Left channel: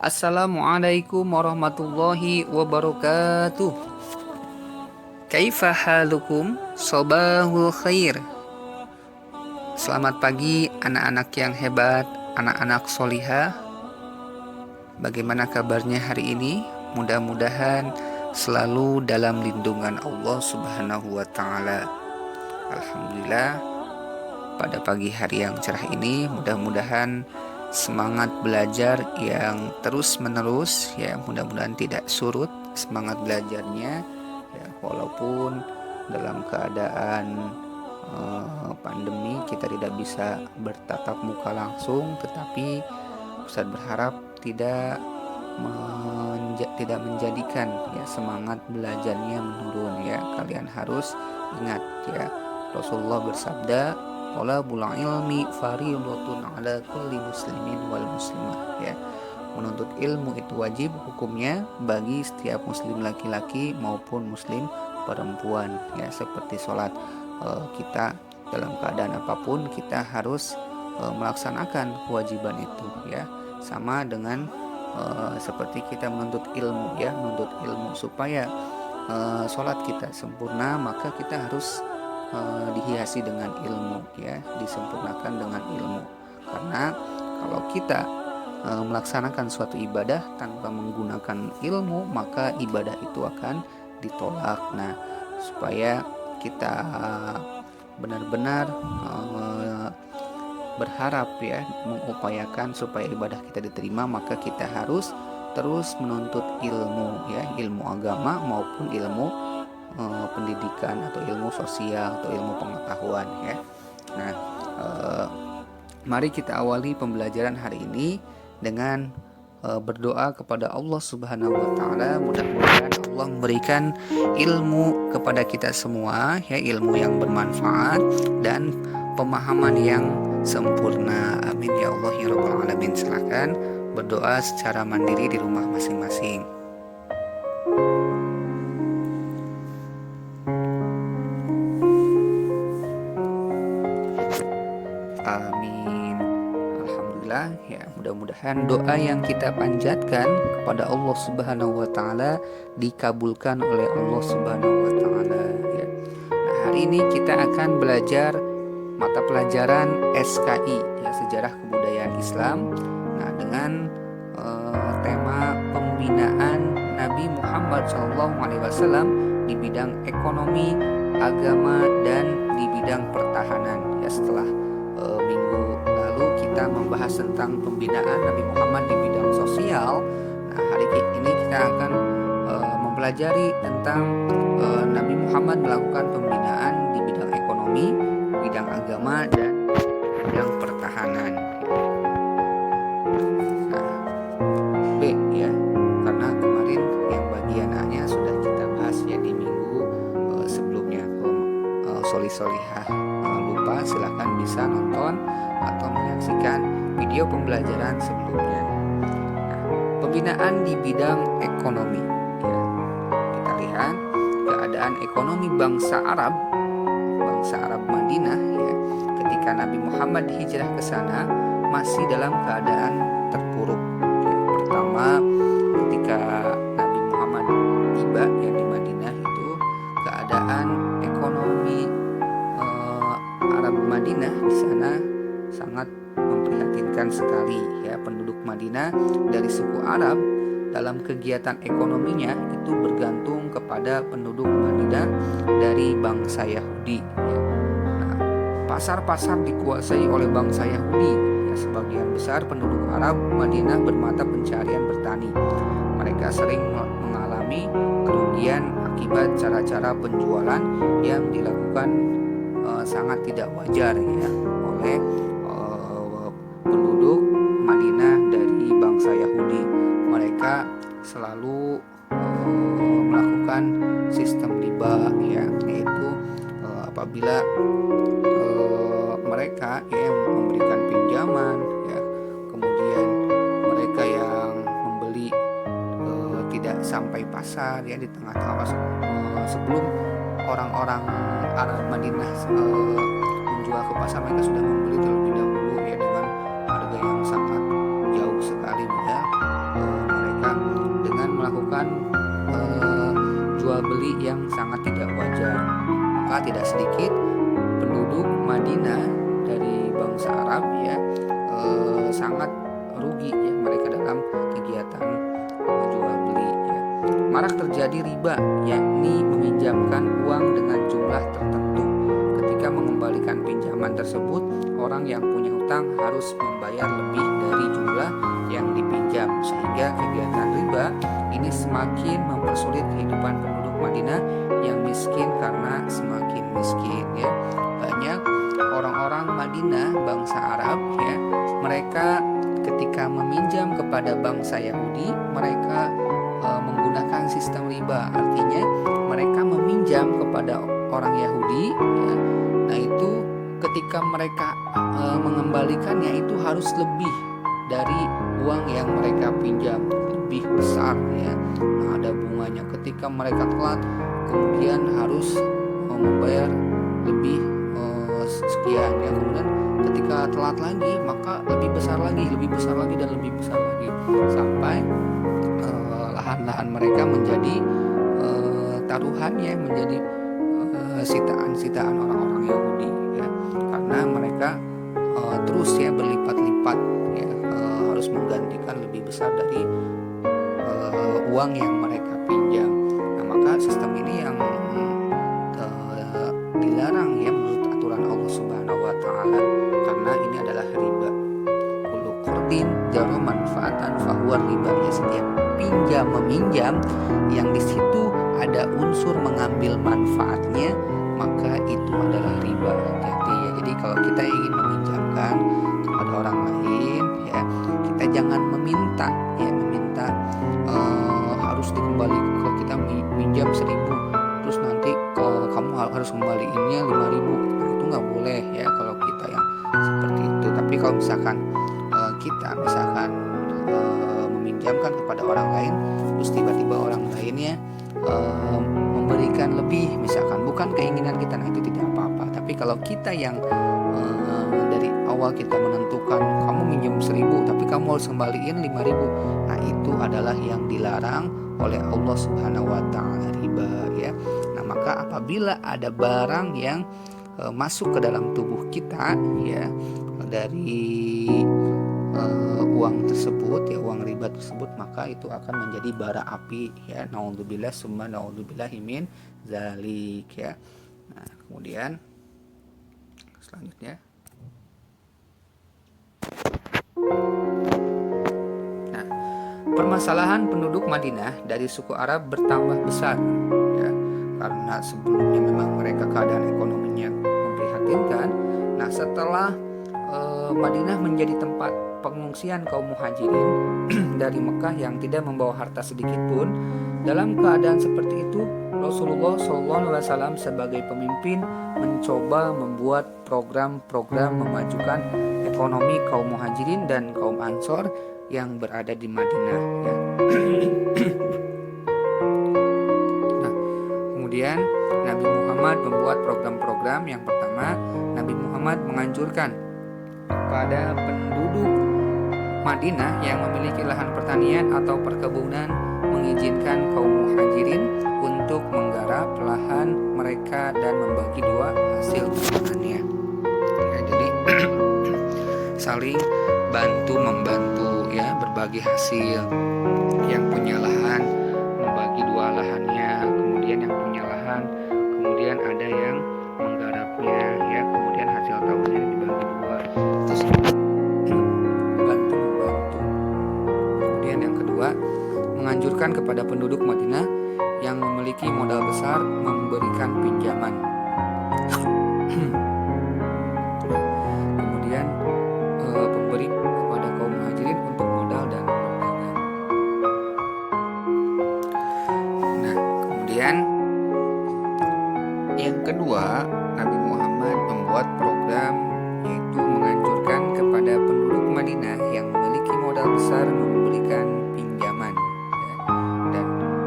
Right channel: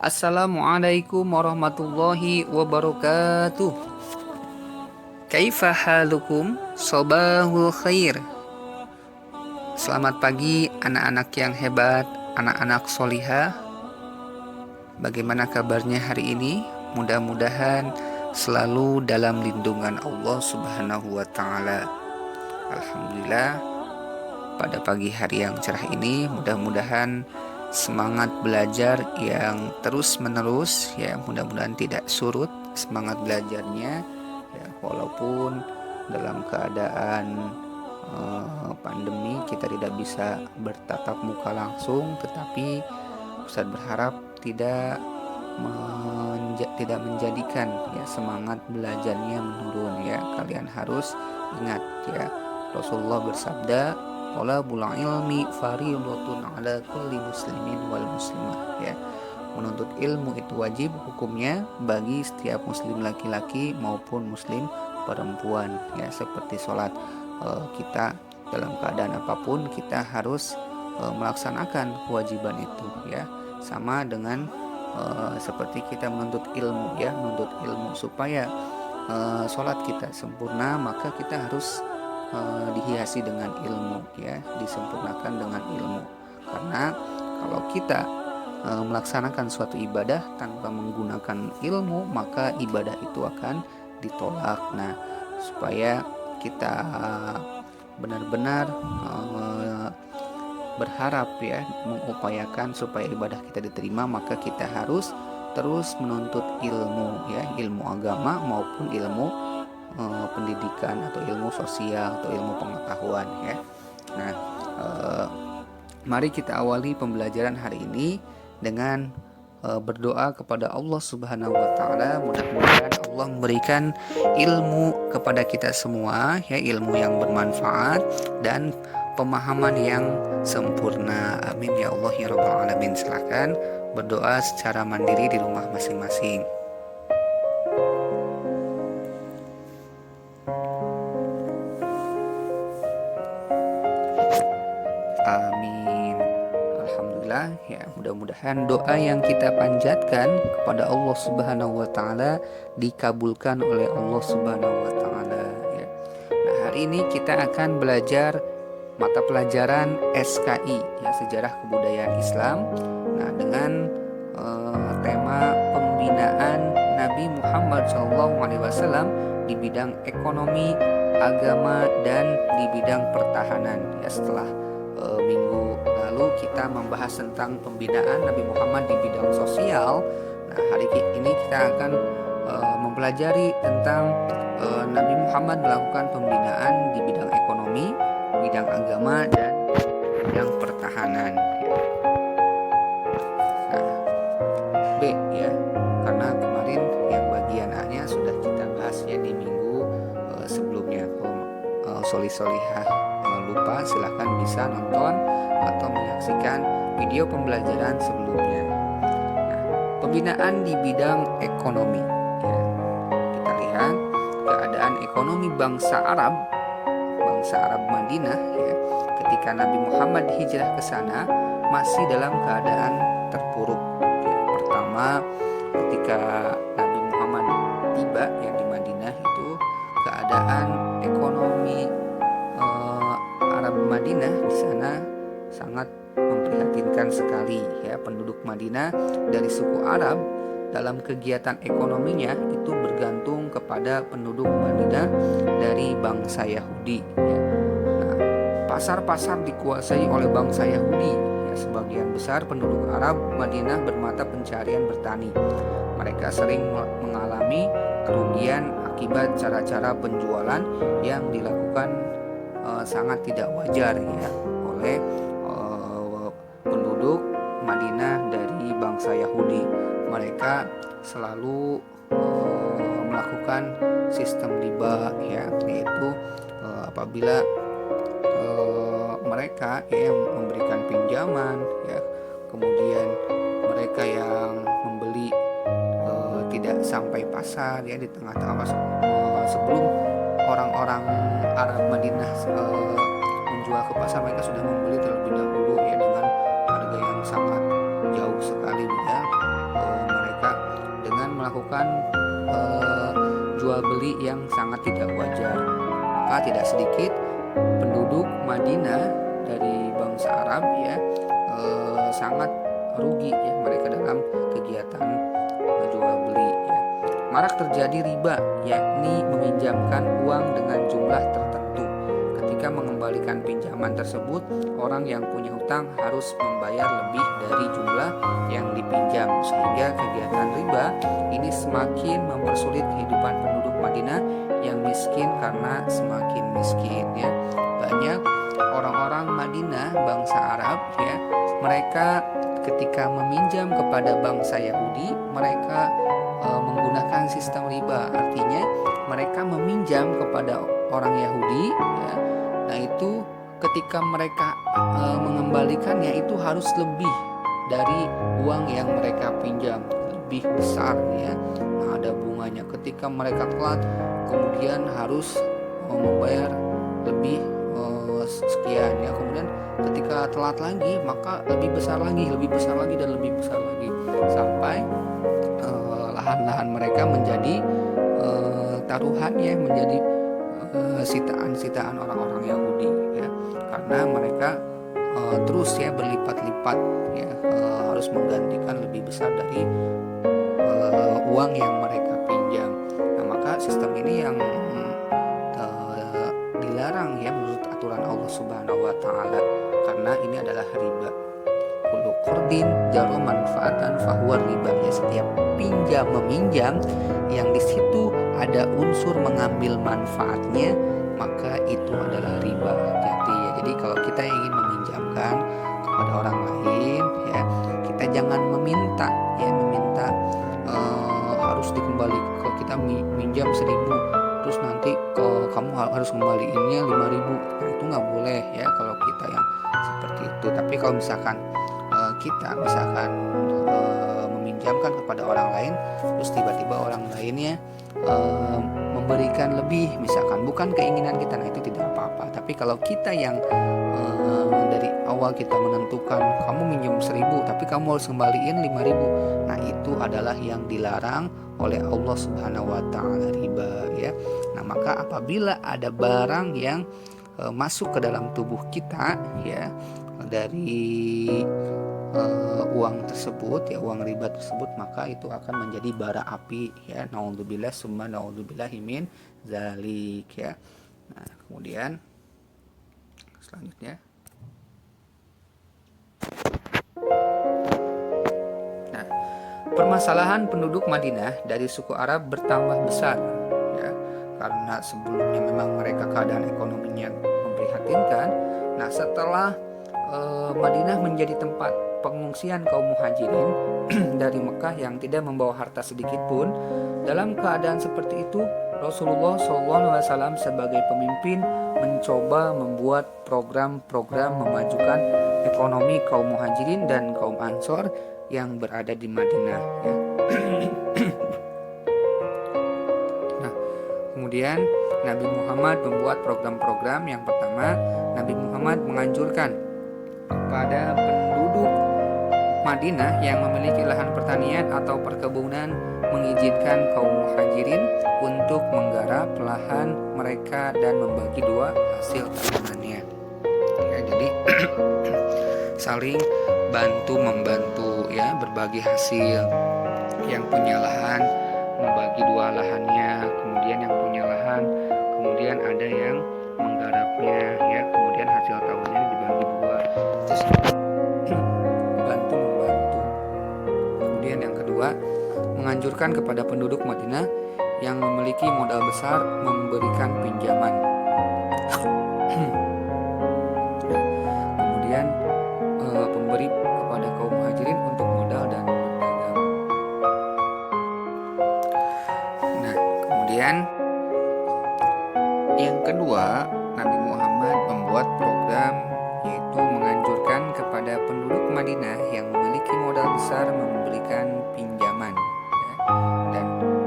Assalamualaikum warahmatullahi wabarakatuh. Kaifa halukum? Sobahul khair. Selamat pagi anak-anak yang hebat, anak-anak solihah. Bagaimana kabarnya hari ini? Mudah-mudahan selalu dalam lindungan Allah Subhanahu wa Ta'ala. Alhamdulillah, pada pagi hari yang cerah ini, mudah-mudahan semangat belajar yang terus-menerus, ya, mudah-mudahan tidak surut semangat belajarnya, ya, walaupun dalam keadaan pandemi kita tidak bisa bertatap muka langsung, tetapi Ustaz berharap tidak menjadikan, ya, semangat belajarnya menurun, ya. Kalian harus ingat, ya, Rasulullah bersabda, "Thalabul ilmi fardhatun 'ala kulli muslimin wal muslimah." Ya, menuntut ilmu itu wajib hukumnya bagi setiap muslim laki-laki maupun muslim perempuan, ya, seperti sholat. Kita dalam keadaan apapun kita harus melaksanakan kewajiban itu, ya, sama dengan seperti kita menuntut ilmu, ya, menuntut ilmu supaya sholat kita sempurna, maka kita harus dihiasi dengan ilmu, ya, disempurnakan dengan ilmu. Karena kalau kita melaksanakan suatu ibadah tanpa menggunakan ilmu, maka ibadah itu akan ditolak. Nah, supaya kita benar-benar berharap, ya, mengupayakan supaya ibadah kita diterima, maka kita harus terus menuntut ilmu, ya, ilmu agama maupun ilmu pendidikan atau ilmu sosial atau ilmu pengetahuan, ya. Nah, mari kita awali pembelajaran hari ini dengan berdoa kepada Allah Subhanahu wa Ta'ala. Mudah-mudahan Allah memberikan ilmu kepada kita semua, ya, ilmu yang bermanfaat dan pemahaman yang sempurna. Amin ya Allah ya Rabbal Alamin. Silakan berdoa secara mandiri di rumah masing-masing. Amin. Alhamdulillah, ya, mudah-mudahan doa yang kita panjatkan kepada Allah Subhanahu wa Ta'ala dikabulkan oleh Allah Subhanahu wa Ta'ala, ya. Nah, hari ini kita akan belajar mata pelajaran SKI, ya, Sejarah Kebudayaan Islam. Nah, dengan tema pembinaan Nabi Muhammad SAW di bidang ekonomi, agama, dan di bidang pertahanan, ya. Setelah minggu lalu kita membahas tentang pembinaan Nabi Muhammad di bidang sosial. Nah, hari ini kita akan mempelajari tentang Nabi Muhammad melakukan pembinaan di bidang ekonomi, bidang agama, dan bidang pertahanan, ya. Nah, B, ya, karena kemarin yang bagian A-nya sudah kita bahas, ya, di minggu sebelumnya. Kalau solihah lupa, silahkan bisa nonton atau menyaksikan video pembelajaran sebelumnya. Nah, pembinaan di bidang ekonomi, ya. Kita lihat keadaan ekonomi bangsa Arab Madinah, ya, ketika Nabi Muhammad hijrah ke sana masih dalam keadaan terpuruk, ya. Pertama, ketika Nabi Muhammad tiba, ya, di Madinah itu keadaan ekonomi Arab Madinah di sana sangat memprihatinkan sekali, ya. Penduduk Madinah dari suku Arab dalam kegiatan ekonominya itu bergantung kepada penduduk Madinah dari bangsa Yahudi, ya. Nah, pasar-pasar dikuasai oleh bangsa Yahudi, ya. Sebagian besar penduduk Arab Madinah bermata pencarian bertani. Mereka sering mengalami kerugian akibat cara-cara penjualan yang dilakukan sangat tidak wajar, ya, oleh penduduk Madinah dari bangsa Yahudi. Mereka selalu melakukan sistem riba, ya, yaitu apabila mereka, ya, yang memberikan pinjaman, ya, kemudian mereka yang membeli tidak sampai pasar, ya, di tengah-tengah sebelum orang-orang Arab Madinah menjual ke pasar, mereka sudah membeli terlebih dahulu, ya, dengan harga yang sangat jauh sekali, ya. mereka dengan melakukan jual beli yang sangat tidak wajar. Maka tidak sedikit penduduk Madinah dari bangsa Arab ya sangat rugi ya mereka dalam kegiatan jual beli ya. Marak terjadi riba, yakni meminjamkan uang dengan jumlah tertentu. Ketika mengembalikan pinjaman tersebut, orang yang punya hutang harus membayar lebih dari jumlah yang dipinjam, sehingga kegiatan riba ini semakin mempersulit kehidupan penduduk Madinah yang miskin karena semakin miskin ya. Banyak orang-orang Madinah bangsa Arab ya, mereka ketika meminjam kepada bangsa Yahudi, mereka menggunakan sistem riba. Artinya mereka meminjam kepada orang Yahudi ya. Nah itu ketika mereka mengembalikannya itu harus lebih dari uang yang mereka pinjam, lebih besar ya. Nah, ada bunganya. Ketika mereka telat kemudian harus membayar lebih sekian ya. Kemudian ketika telat lagi maka lebih besar lagi dan lebih besar lagi sampai lahan-lahan mereka menjadi taruhan ya, menjadi sitaan-sitaan orang-orang Yahudi ya, karena mereka terus ya berlipat-lipat ya, harus menggantikan lebih besar dari uang yang mereka pinjam. Nah maka sistem ini yang dilarang ya menurut aturan Allah Subhanahu wa taala, karena ini adalah riba. Kullu qardin jaro manfaatan fahuwa riba ya, setiap pinjam meminjam yang di situ ada unsur mengambil manfaatnya maka itu adalah riba. Jadi kalau kita ingin meminjamkan kepada orang lain ya, kita jangan meminta harus dikembalikan. Kalau kita minjam 1.000 terus nanti kalau kamu harus kembaliinnya 5.000, nah itu nggak boleh ya kalau kita yang seperti itu. Tapi kalau misalkan kita meminjamkan kepada orang lain terus tiba-tiba orang lainnya memberikan lebih, misalkan bukan keinginan kita, nah itu tidak apa-apa. Tapi kalau kita yang dari awal kita menentukan kamu minjem 1.000 tapi kamu harus kembaliin 5.000, nah itu adalah yang dilarang oleh Allah Subhanahu wa taala, riba ya. Nah maka apabila ada barang yang masuk ke dalam tubuh kita ya dari uang tersebut ya, uang riba tersebut, maka itu akan menjadi bara api ya. Naudzubillah summa naudzubillahi min zalik ya. Nah kemudian selanjutnya, nah permasalahan penduduk Madinah dari suku Arab bertambah besar ya, karena sebelumnya memang mereka keadaan ekonominya memprihatinkan. Nah setelah Madinah menjadi tempat pengungsian kaum muhajirin dari Mekah yang tidak membawa harta sedikit pun, dalam keadaan seperti itu Rasulullah SAW sebagai pemimpin mencoba membuat program-program memajukan ekonomi kaum muhajirin dan kaum ansor yang berada di Madinah ya. Nah kemudian Nabi Muhammad membuat program-program. Yang pertama, Nabi Muhammad menganjurkan pada penduduk Madinah yang memiliki lahan pertanian atau perkebunan mengizinkan kaum muhajirin untuk menggarap lahan mereka dan membagi dua hasil tanamnya ya. Jadi saling bantu membantu ya, berbagi hasil. Yang punya lahan membagi dua lahannya, kemudian yang punya lahan kemudian ada yang menggarapnya ya, kemudian hasil tahunnya dibagi dua, terus bantu membantu. Kemudian yang kedua, menganjurkan kepada penduduk Madinah yang memiliki modal besar memberikan pinjaman. Kemudian pemberi kepada kaum muhajirin untuk modal dan berdagang. Nah kemudian yang kedua, Nabi Muhammad membuat program yaitu menganjurkan kepada penduduk Madinah yang memiliki modal besar memberikan pinjaman ya, dan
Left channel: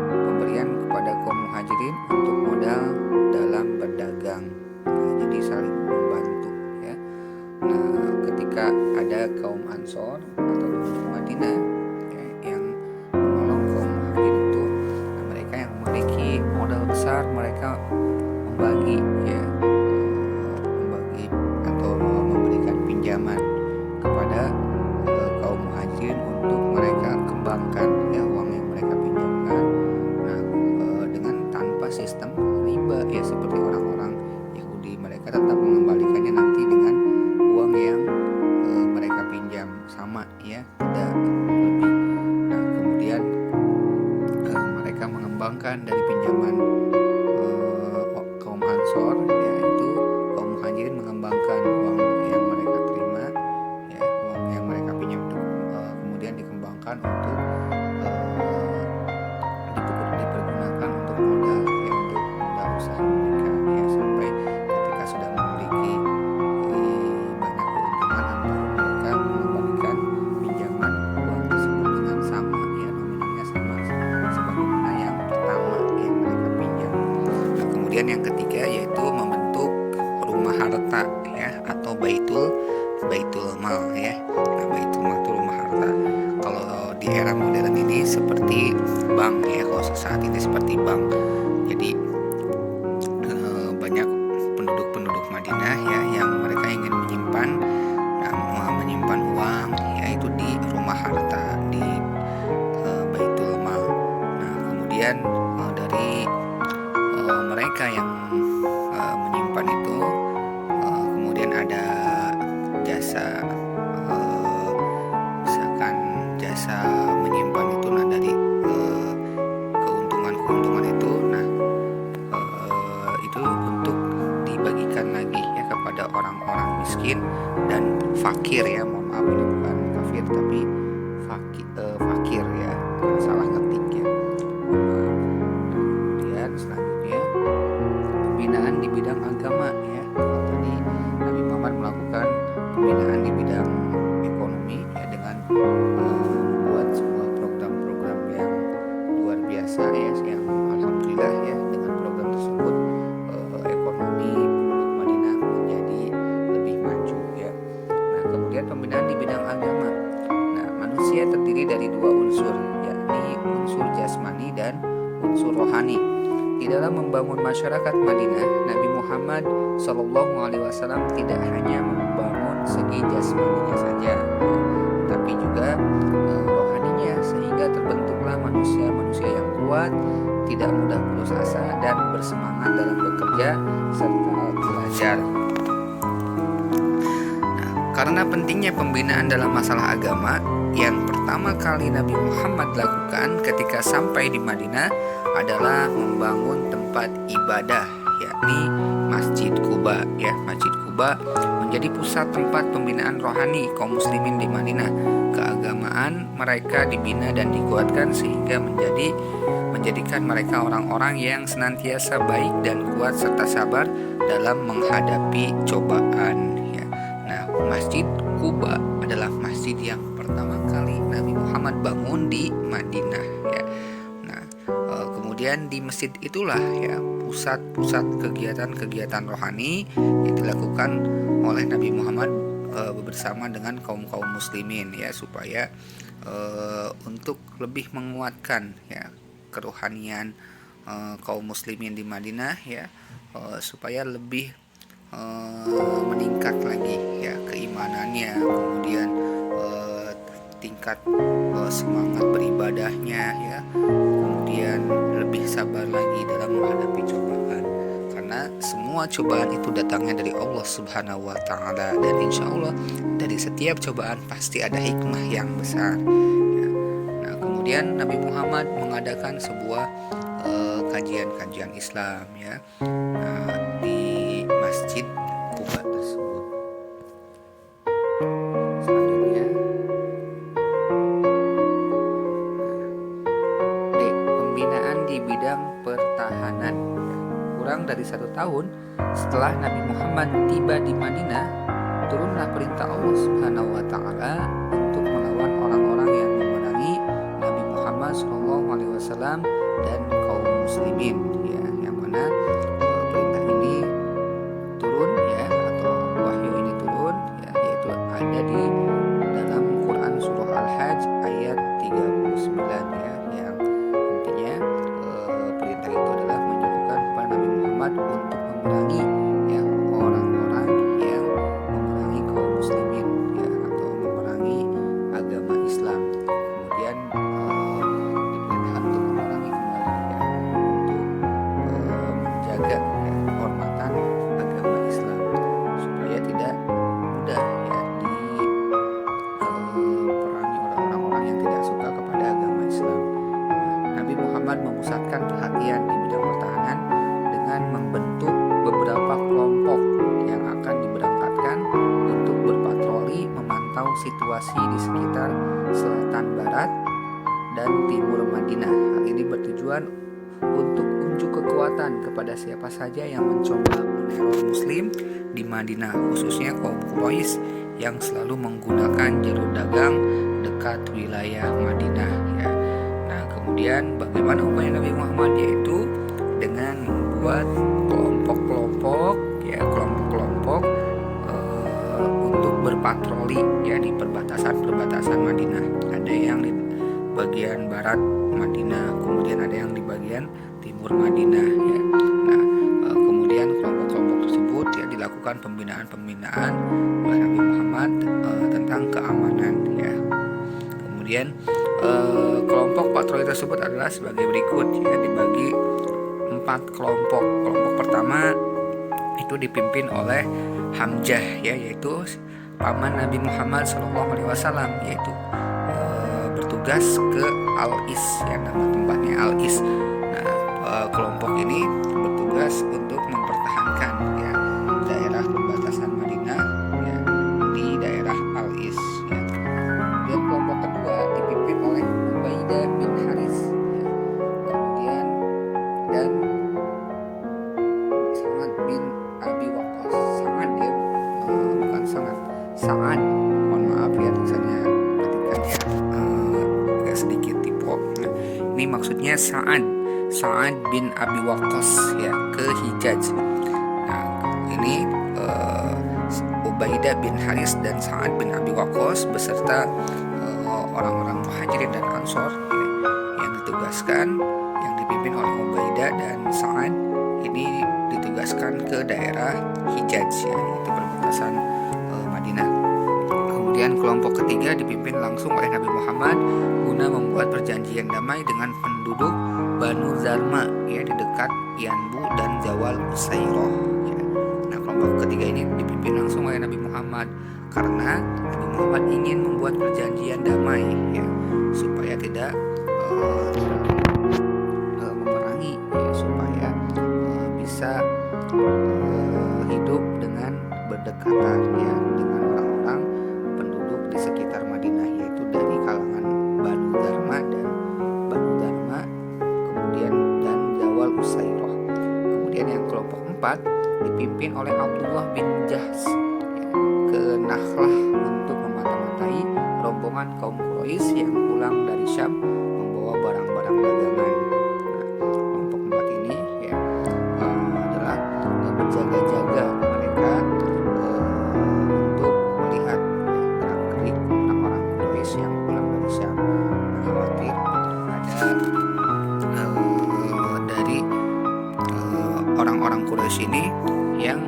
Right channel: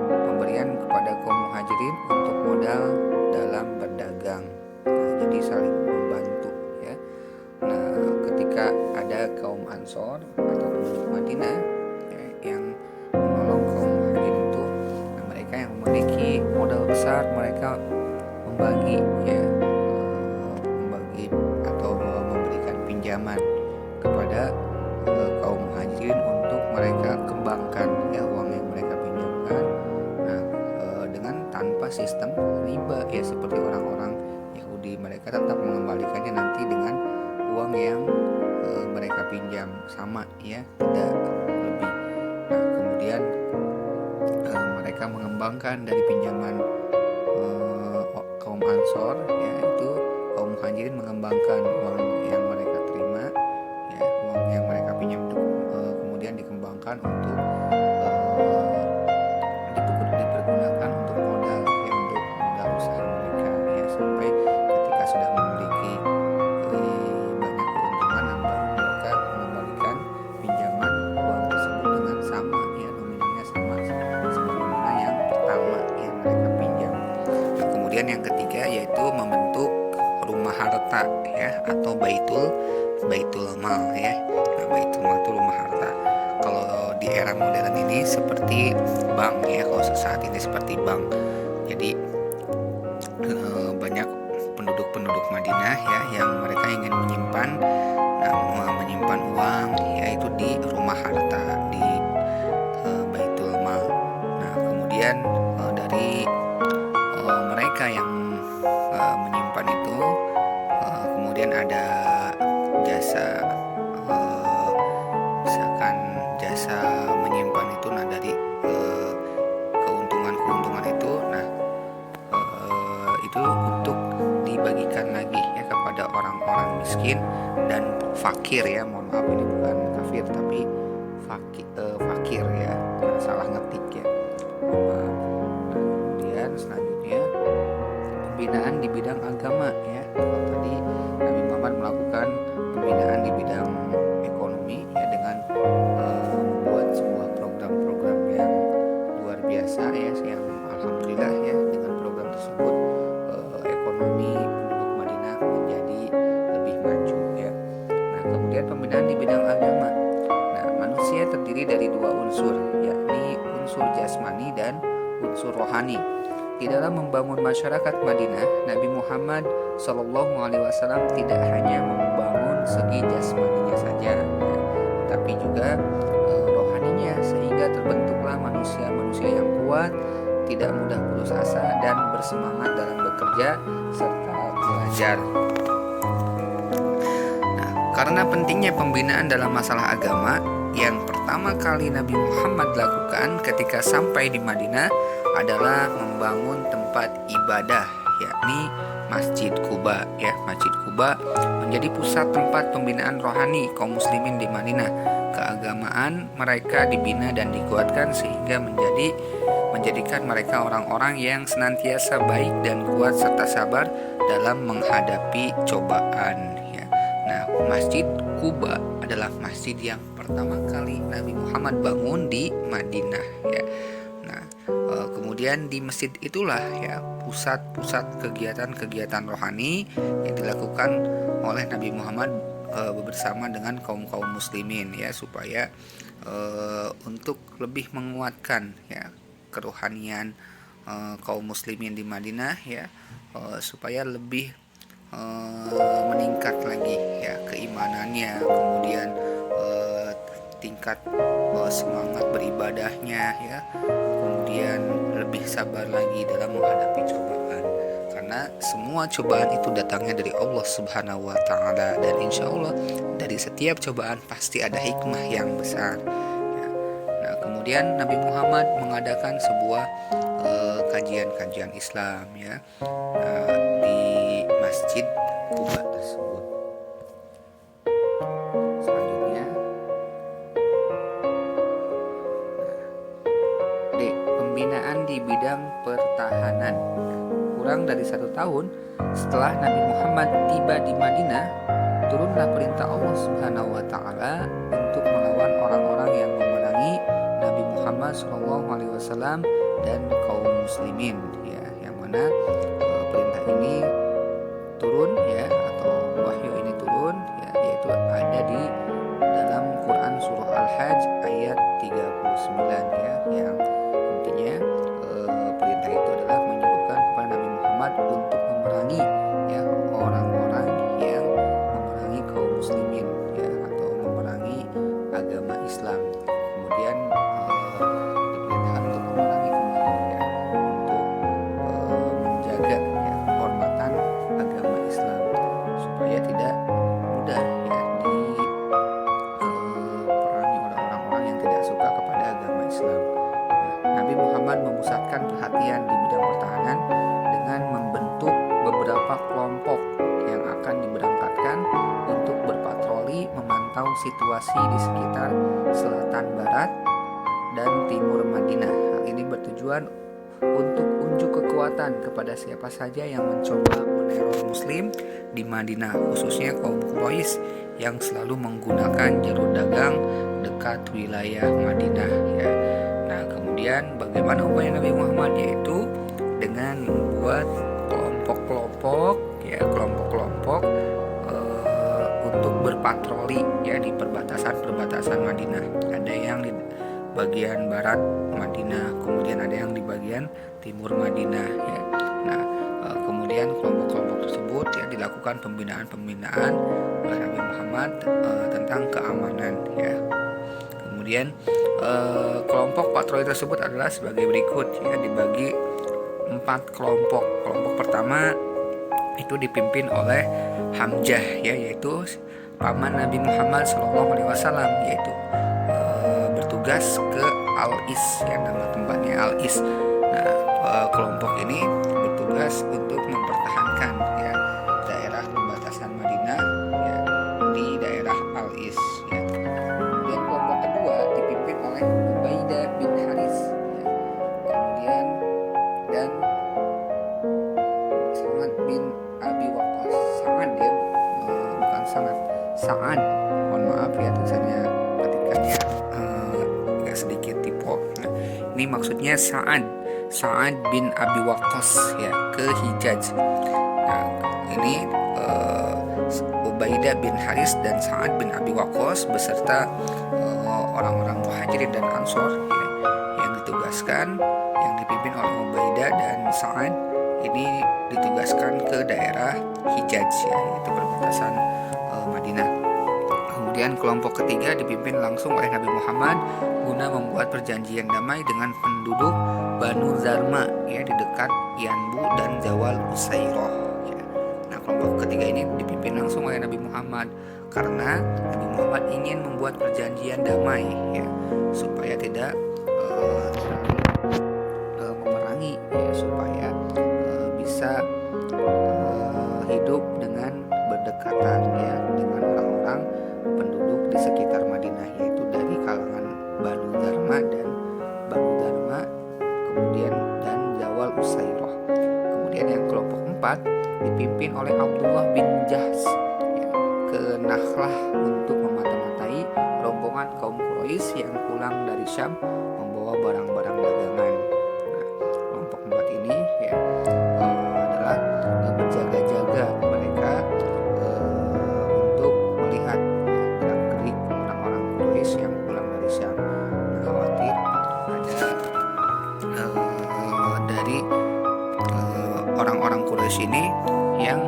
pemberian kepada kaum muhajirin untuk modal dalam berdagang. Nah, jadi saling membantu ya. Nah ketika ada kaum ansor atau penduduk Madinah ya, yang besar mereka membagi atau memberikan pinjaman kepada kaum muhajirin untuk mereka kembangkan ya uang yang mereka pinjamkan. Nah, dengan tanpa sistem riba ya, seperti orang-orang Yahudi, mereka tetap mengembalikannya nanti dengan uang yang mereka pinjam sama ya, tidak lebih. Nah, kemudian mereka mengembangkan dari pinjaman kaum Ansor, yaitu kaum muhajirin mengembangkan uang yang mereka terima ya, uang yang mereka pinjam itu kemudian dikembangkan untuk dipergunakan untuk modal ya, untuk modal usaha mereka ya, sampai ketika sudah memiliki banyak keuntungan, baru mereka mengembalikan pinjaman uang tersebut dengan sama ya, nominalnya sama sebagaimana yang pertama yang mereka pinjam. Nah, kemudian yang ketiga yaitu membentuk rumah harta ya, atau baitul mal ya. Nah, baitul mal itu rumah harta. Kalau di era modern ini seperti bank ya, kalau saat ini seperti bank. Jadi banyak penduduk Madinah ya yang mereka ingin menyimpan uang yaitu di rumah harta, di baitul mal. Nah, kemudian dari mereka yang menyimpan itu kemudian ada jasa misalkan jasa menyimpan itu. Nah, dari keuntungan itu, nah itu untuk dibagikan lagi ya kepada orang-orang miskin dan fakir ya, mohon maaf ini bukan kafir tapi fakir ya, salah ngetik ya, mohon maaf. Nah, kemudian selanjutnya pembinaan di bidang agama ya. Kalau tadi Nabi Muhammad melakukan pembinaan di bidang ekonomi ya, dengan membuat sebuah program-program yang luar biasa ya, yang alhamdulillah ya, dengan program tersebut ekonomi penduduk Madinah menjadi lebih maju ya. Nah, kemudian pembinaan di bidang agama. Nah, manusia terdiri dari dua unsur, yakni unsur jasmani dan unsur rohani. Di dalam membangun masyarakat Madinah, Nabi Muhammad SAW tidak hanya membangun segi jasmaninya saja, ya, tapi juga rohaninya, sehingga terbentuklah manusia-manusia yang kuat, tidak mudah putus asa, dan bersemangat dalam bekerja serta belajar. Nah, karena pentingnya pembinaan dalam masalah agama, yang pertama kali Nabi Muhammad lakukan ketika sampai di Madinah adalah membangun tempat ibadah, yakni Masjid Quba ya. Masjid Quba menjadi pusat tempat pembinaan rohani kaum muslimin di Madinah. Keagamaan mereka dibina dan dikuatkan sehingga menjadikan mereka orang-orang yang senantiasa baik dan kuat serta sabar dalam menghadapi cobaan ya. Nah, Masjid Quba adalah masjid yang pertama kali Nabi Muhammad bangun di Madinah ya. Nah, kemudian di masjid itulah ya pusat-pusat kegiatan-kegiatan rohani yang dilakukan oleh Nabi Muhammad bersama dengan kaum muslimin ya, supaya untuk lebih menguatkan ya kerohanian kaum muslimin di Madinah ya, supaya lebih meningkat lagi ya keimanannya, kemudian tingkat semangat beribadahnya ya, kemudian lebih sabar lagi dalam menghadapi cobaan, karena semua cobaan itu datangnya dari Allah Subhanahu wa Ta'ala, dan insya Allah dari setiap cobaan pasti ada hikmah yang besar ya. Nah, kemudian Nabi Muhammad mengadakan sebuah kajian-kajian Islam ya, di Masjid Quba tersebut. Selanjutnya pembinaan di bidang pertahanan. Kurang dari 1 tahun setelah Nabi Muhammad tiba di Madinah, turunlah perintah Allah Subhanahu wa Ta'ala untuk melawan orang-orang yang memerangi Nabi Muhammad SAW dan kaum muslimin ya, yang mana perintah ini turun ya, atau wahyu ini turun ya, yaitu ada di dalam Quran surah Al-Hajj ayat 39 ya, yang intinya perintah itu adalah menyuruhkan suka kepada agama Islam. Nah, Nabi Muhammad memusatkan perhatian di bidang pertahanan dengan membentuk beberapa kelompok yang akan diberangkatkan untuk berpatroli memantau situasi di sekitar selatan barat dan timur Madinah. Hal ini bertujuan untuk unjuk kekuatan kepada siapa saja yang mencoba meneror Muslim di Madinah, khususnya kaum Quraisy yang selalu menggunakan jalur dagang dekat wilayah Madinah. Ya. Nah, kemudian bagaimana upaya Nabi Muhammad, yaitu dengan membuat kelompok-kelompok untuk berpatroli ya di perbatasan Madinah. Ada yang di bagian barat Madinah, kemudian ada yang di bagian timur Madinah ya. Nah, kemudian kelompok-kelompok tersebut ya dilakukan pembinaan oleh Nabi Muhammad tentang keamanan ya. Kemudian kelompok patroli tersebut adalah sebagai berikut ya, dibagi 4 kelompok. Kelompok pertama itu dipimpin oleh Hamzah ya, yaitu paman Nabi Muhammad SAW, yaitu bertugas ke Al-Is ya, nama tempatnya Al-Is. Nah, kelompok ini bertugas untuk mempertahankan ya daerah perbatasan Madinah ya di daerah Al-Is ya. Kemudian kelompok kedua dipimpin oleh Ubaidah bin Haris ya. Kemudian dan Sa'ad bin Abi Waqqas. Sa'ad ya, bukan sangat. Sa'ad, mohon maaf ya tulisannya ketikannya agak sedikit typo. Nah, ini maksudnya Sa'ad bin Abi Waqqas ya ke Hijaz. Nah, ini Ubaidah bin Haris dan Sa'ad bin Abi Waqqas beserta orang-orang Muhajirin dan Ansor ya, yang ditugaskan, yang dipimpin oleh Ubaidah dan Sa'ad, ini ditugaskan ke daerah Hijaz ya, yaitu perbatasan Madinah. Kemudian kelompok ketiga dipimpin langsung oleh Nabi Muhammad guna membuat perjanjian damai dengan penduduk Banu Zarma ya di dekat Yanbu dan Zawal Usairoh ya. Nah, kelompok ketiga ini dipimpin langsung oleh Nabi Muhammad karena Nabi Muhammad ingin membuat perjanjian damai ya, supaya tidak memerangi ya, supaya bisa hidup dengan berdekatan ya dengan orang-orang penduduk di sekitar Madinah, yaitu dari kalangan Banu Dharma, kemudian dan Zawal Usairoh. Kemudian yang kelompok 4 dipimpin oleh Abdullah bin Jahsh ya, ke Nakhlah untuk memata-matai rombongan kaum Quraisy yang pulang dari Syam membawa barang-barang dagangan. Nah, kelompok 4 ini ya adalah berjaga-jaga mereka untuk melihat gerak-gerik orang-orang Quraisy yang pulang dari Syam. Nah, khawatir ada dari orang-orang Quraisy ini yang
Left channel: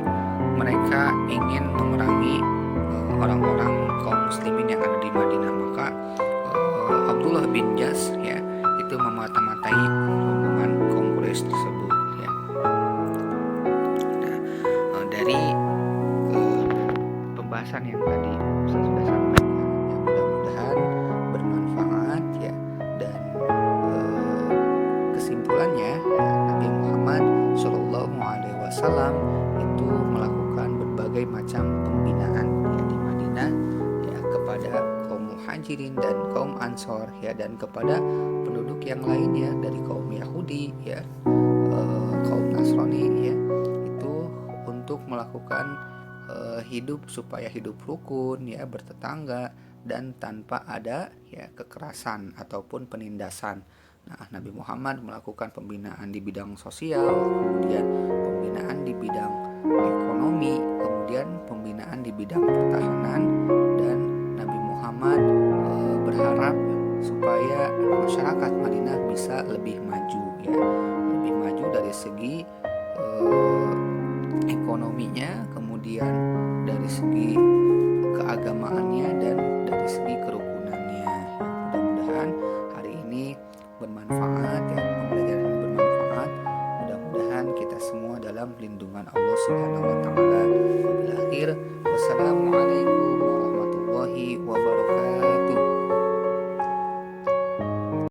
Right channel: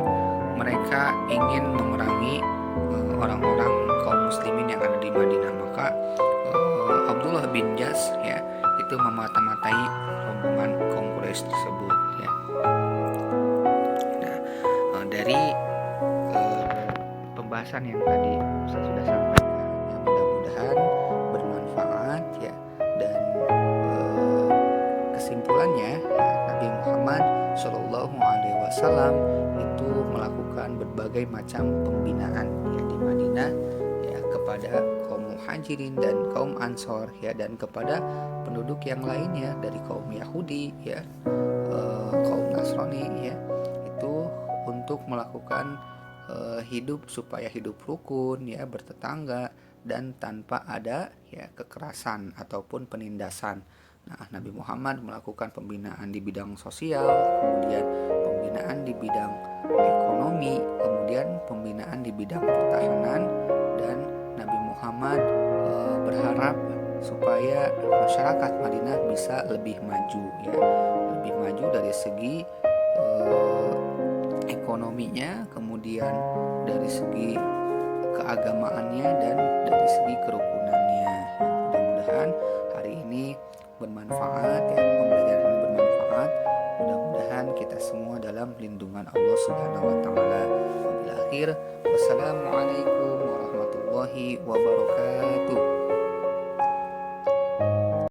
mereka ingin memerangi orang-orang kaum muslimin yang ada di Madinah. Maka Abdullah bin Jahsh ya itu memata-matai rombongan kaum Quraisy tersebut ya. Nah, dari pembahasan yang tadi saya sudah sampaikan ya, mudah-mudahan bermanfaat ya, dan kesimpulannya ya, Nabi Muhammad Shallallahu Alaihi Wasallam itu melakukan berbagai macam pembinaan ya di Madinah ya kepada kaum Muhajirin dan kaum Ansor ya, dan kepada penduduk yang lainnya dari kaum Yahudi ya, kaum Nasrani ya, itu untuk melakukan hidup supaya hidup rukun ya, bertetangga dan tanpa ada ya kekerasan ataupun penindasan. Nah, Nabi Muhammad melakukan pembinaan di bidang sosial, kemudian pembinaan di bidang ekonomi, kemudian pembinaan di bidang pertahanan, dan Nabi Muhammad berharap supaya masyarakat Madinah bisa lebih maju ya, lebih maju dari segi ekonominya, kemudian dari segi keagamaannya, dan dari segi kerukunannya. Ya, mudah-mudahan hari ini bermanfaat ya, pembelajaran ini bermanfaat. Mudah-mudahan kita semua dalam lindungan Allah Subhanahu wa taala. Wabillahi akhir. Wassalamualaikum warahmatullahi wabarakatuh.